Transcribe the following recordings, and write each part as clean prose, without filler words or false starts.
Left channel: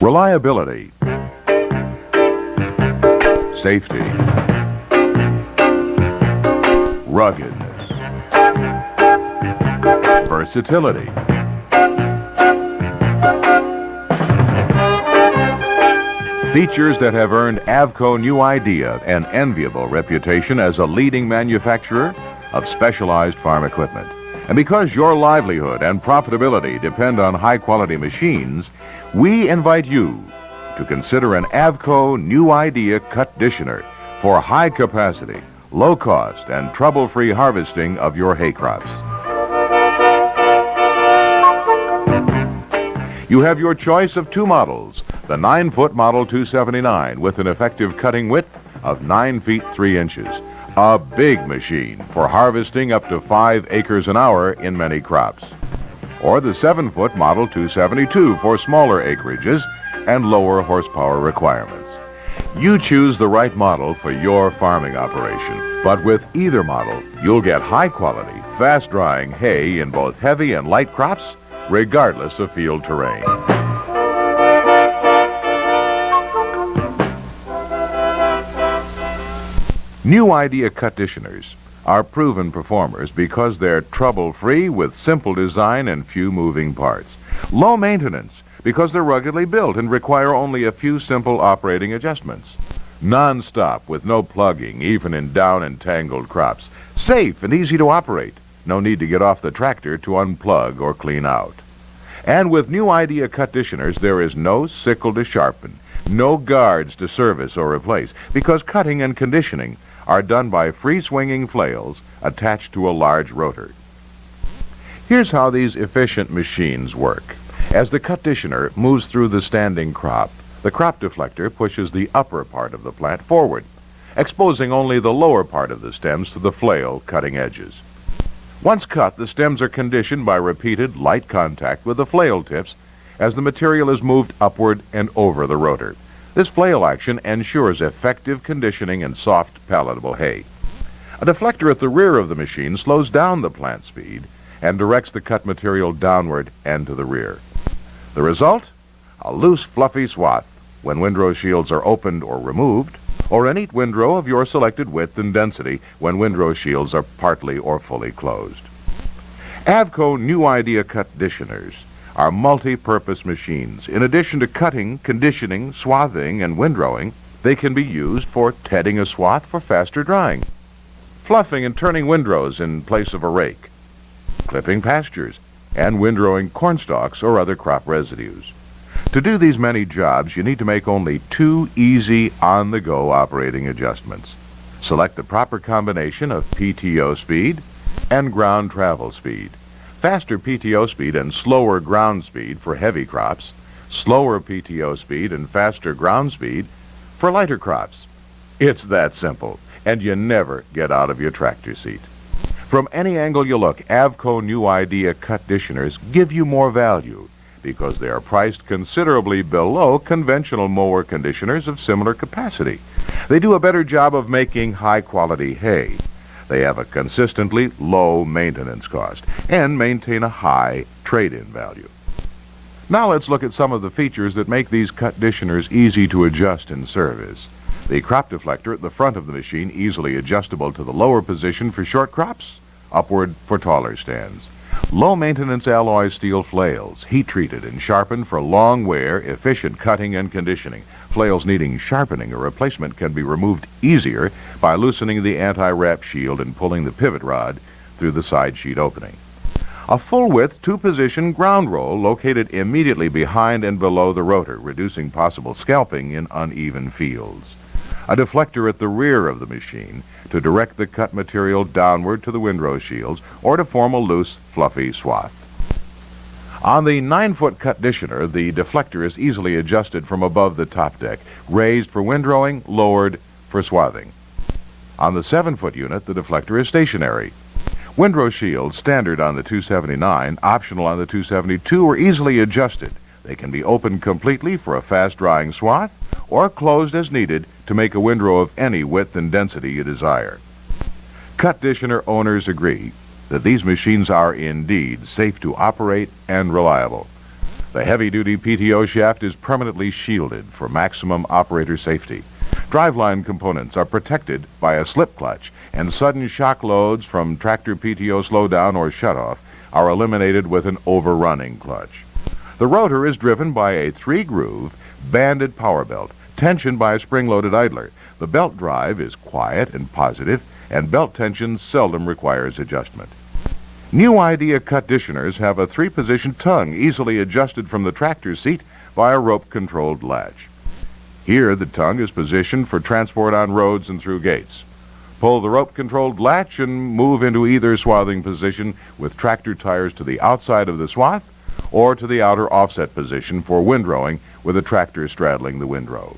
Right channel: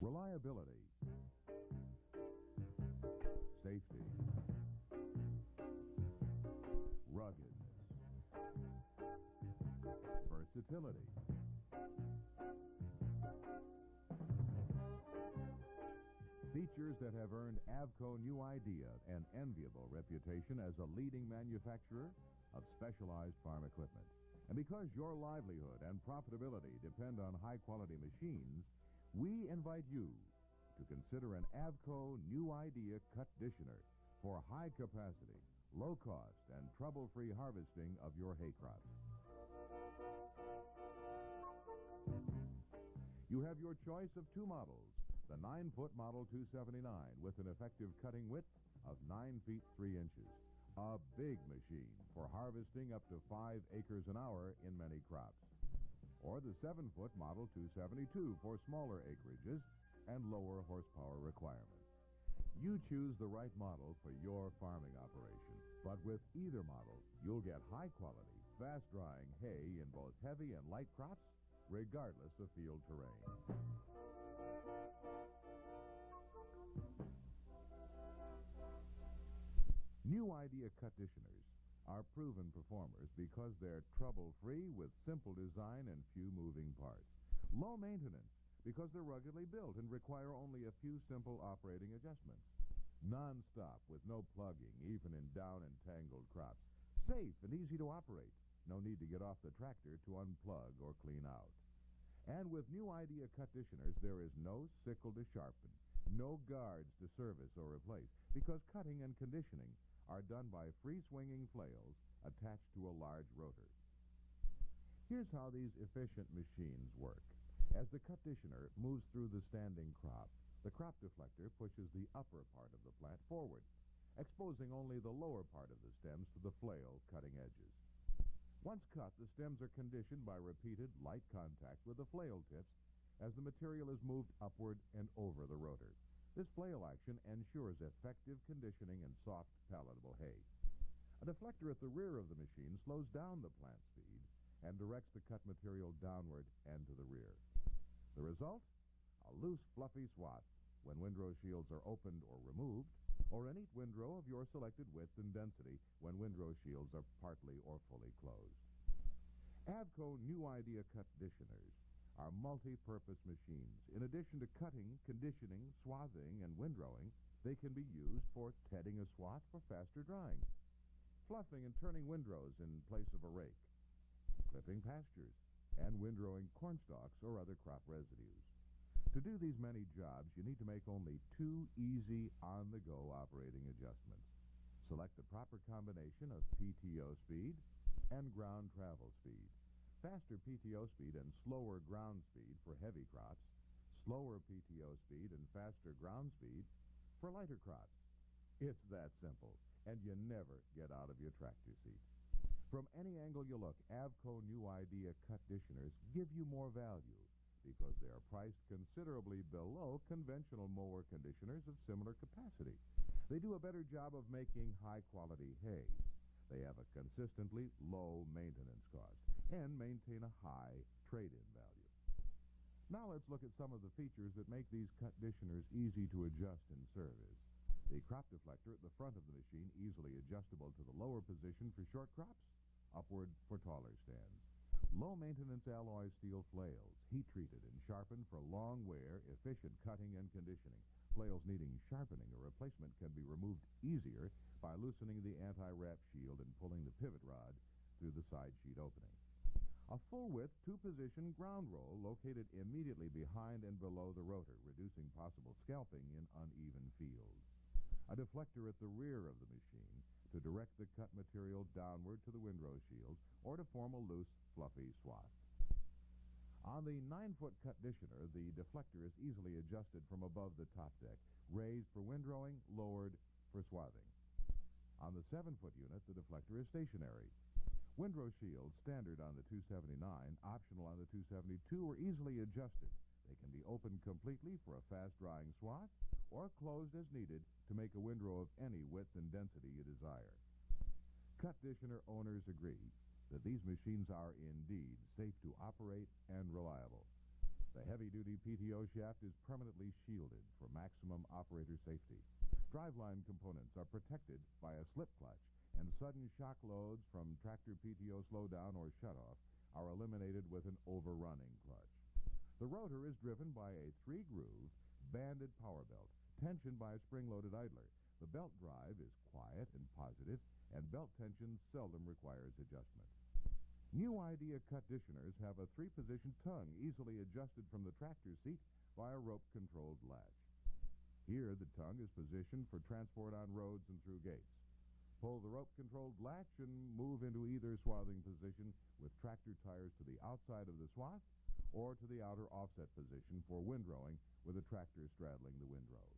Reliability, safety, ruggedness, versatility. Features that have earned Avco New Idea an enviable reputation as a leading manufacturer of specialized farm equipment. And because your livelihood and profitability depend on high-quality machines, we invite you to consider an Avco New Idea cut ditioner for high-capacity, low-cost, and trouble-free harvesting of your hay crops. You have your choice of two models. The 9-foot Model 279 with an effective cutting width of 9 feet 3 inches. A big machine for harvesting up to 5 acres an hour in many crops. Or the 7-foot Model 272 for smaller acreages and lower horsepower requirements. You choose the right model for your farming operation. But with either model, you'll get high-quality, fast-drying hay in both heavy and light crops, regardless of field terrain. New Idea cut ditioners are proven performers because they're trouble-free with simple design and few moving parts. Low maintenance because they're ruggedly built and require only a few simple operating adjustments. Non-stop with no plugging, even in down and tangled crops. Safe and easy to operate. No need to get off the tractor to unplug or clean out. And with New Idea cut ditioners, there is no sickle to sharpen, no guards to service or replace, because cutting and conditioning are done by free-swinging flails attached to a large rotor. Here's how these efficient machines work. As the cut ditioner moves through the standing crop, the crop deflector pushes the upper part of the plant forward, exposing only the lower part of the stems to the flail cutting edges. Once cut, the stems are conditioned by repeated light contact with the flail tips as the material is moved upward and over the rotor. This flail action ensures effective conditioning and soft, palatable hay. A deflector at the rear of the machine slows down the plant speed and directs the cut material downward and to the rear. The result? A loose, fluffy swath when windrow shields are opened or removed, or a neat windrow of your selected width and density when windrow shields are partly or fully closed. Avco New Idea cut ditioners are multi-purpose machines. In addition to cutting, conditioning, swathing, and windrowing, they can be used for tedding a swath for faster drying, fluffing and turning windrows in place of a rake, clipping pastures, and windrowing cornstalks or other crop residues. To do these many jobs, you need to make only 2 easy, on-the-go operating adjustments. Select the proper combination of PTO speed and ground travel speed. Faster PTO speed and slower ground speed for heavy crops, slower PTO speed and faster ground speed for lighter crops. It's that simple, and you never get out of your tractor seat. From any angle you look, Avco New Idea cut ditioners give you more value because they are priced considerably below conventional mower conditioners of similar capacity. They do a better job of making high-quality hay. They have a consistently low maintenance cost and maintain a high trade-in value. Now let's look at some of the features that make these cut ditioners easy to adjust in service. The crop deflector at the front of the machine easily adjustable to the lower position for short crops, upward for taller stands. Low-maintenance alloy steel flails, heat-treated and sharpened for long wear, efficient cutting and conditioning. Flails needing sharpening or replacement can be removed easier by loosening the anti-wrap shield and pulling the pivot rod through the side sheet opening. A full-width, 2-position ground roll located immediately behind and below the rotor, reducing possible scalping in uneven fields. A deflector at the rear of the machine to direct the cut material downward to the windrow shields or to form a loose, fluffy swath. On the 9-foot cut ditioner, the deflector is easily adjusted from above the top deck, raised for windrowing, lowered for swathing. On the 7-foot unit, the deflector is stationary. Windrow shields, standard on the 279, optional on the 272, are easily adjusted. They can be opened completely for a fast-drying swath or closed as needed to make a windrow of any width and density you desire. Cut ditioner owners agree that these machines are indeed safe to operate and reliable. The heavy-duty PTO shaft is permanently shielded for maximum operator safety. Driveline components are protected by a slip clutch, and sudden shock loads from tractor PTO slowdown or shutoff are eliminated with an overrunning clutch. The rotor is driven by a 3-groove, banded power belt, tensioned by a spring-loaded idler. The belt drive is quiet and positive, and belt tension seldom requires adjustment. New Idea cut-ditioners have a 3-position tongue easily adjusted from the tractor seat by a rope-controlled latch. Here, the tongue is positioned for transport on roads and through gates. Pull the rope-controlled latch and move into either swathing position with tractor tires to the outside of the swath or to the outer offset position for windrowing with a tractor straddling the windrow.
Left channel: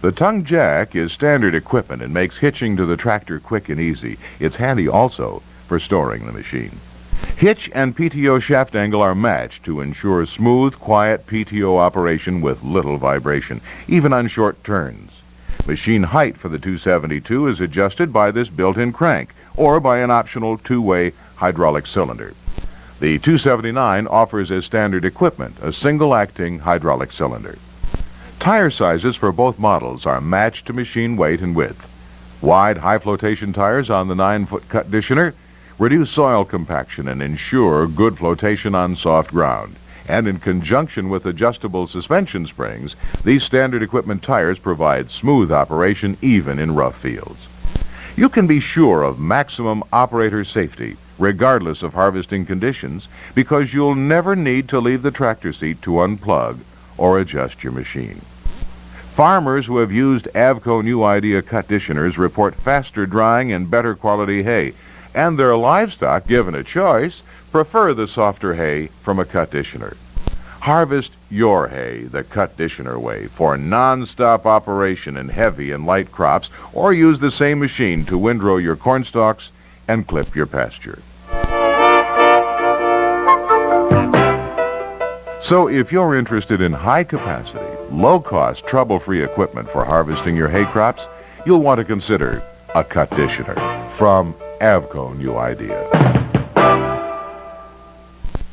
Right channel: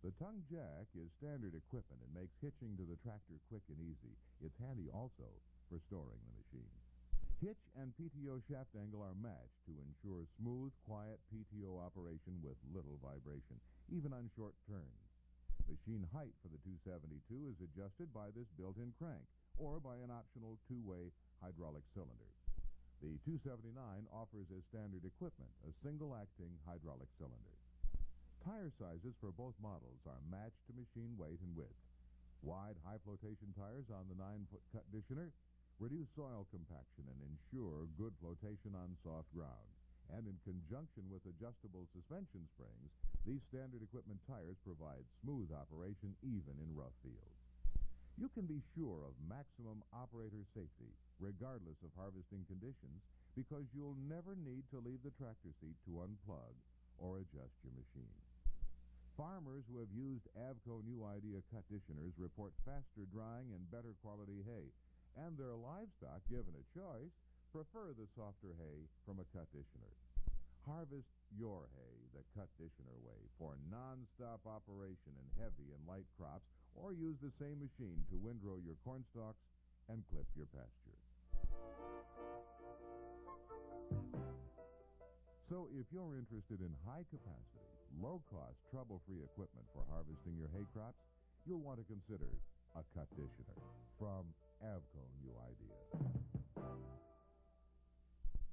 The tongue jack is standard equipment and makes hitching to the tractor quick and easy. It's handy also for storing the machine. Hitch and PTO shaft angle are matched to ensure smooth, quiet PTO operation with little vibration, even on short turns. Machine height for the 272 is adjusted by this built-in crank or by an optional 2-way hydraulic cylinder. The 279 offers as standard equipment a single-acting hydraulic cylinder. Tire sizes for both models are matched to machine weight and width. Wide, high-flotation tires on the 9-foot cut-ditioner reduce soil compaction and ensure good flotation on soft ground. And in conjunction with adjustable suspension springs, these standard equipment tires provide smooth operation even in rough fields. You can be sure of maximum operator safety regardless of harvesting conditions because you'll never need to leave the tractor seat to unplug or adjust your machine. Farmers who have used Avco New Idea cut-ditioners report faster drying and better quality hay, and their livestock, given a choice, prefer the softer hay from a cut-ditioner. Harvest your hay the cut-ditioner way for non-stop operation in heavy and light crops, or use the same machine to windrow your corn stalks and clip your pasture. So if you're interested in high-capacity, low-cost, trouble-free equipment for harvesting your hay crops, you'll want to consider a cut-ditioner from Avco New Idea.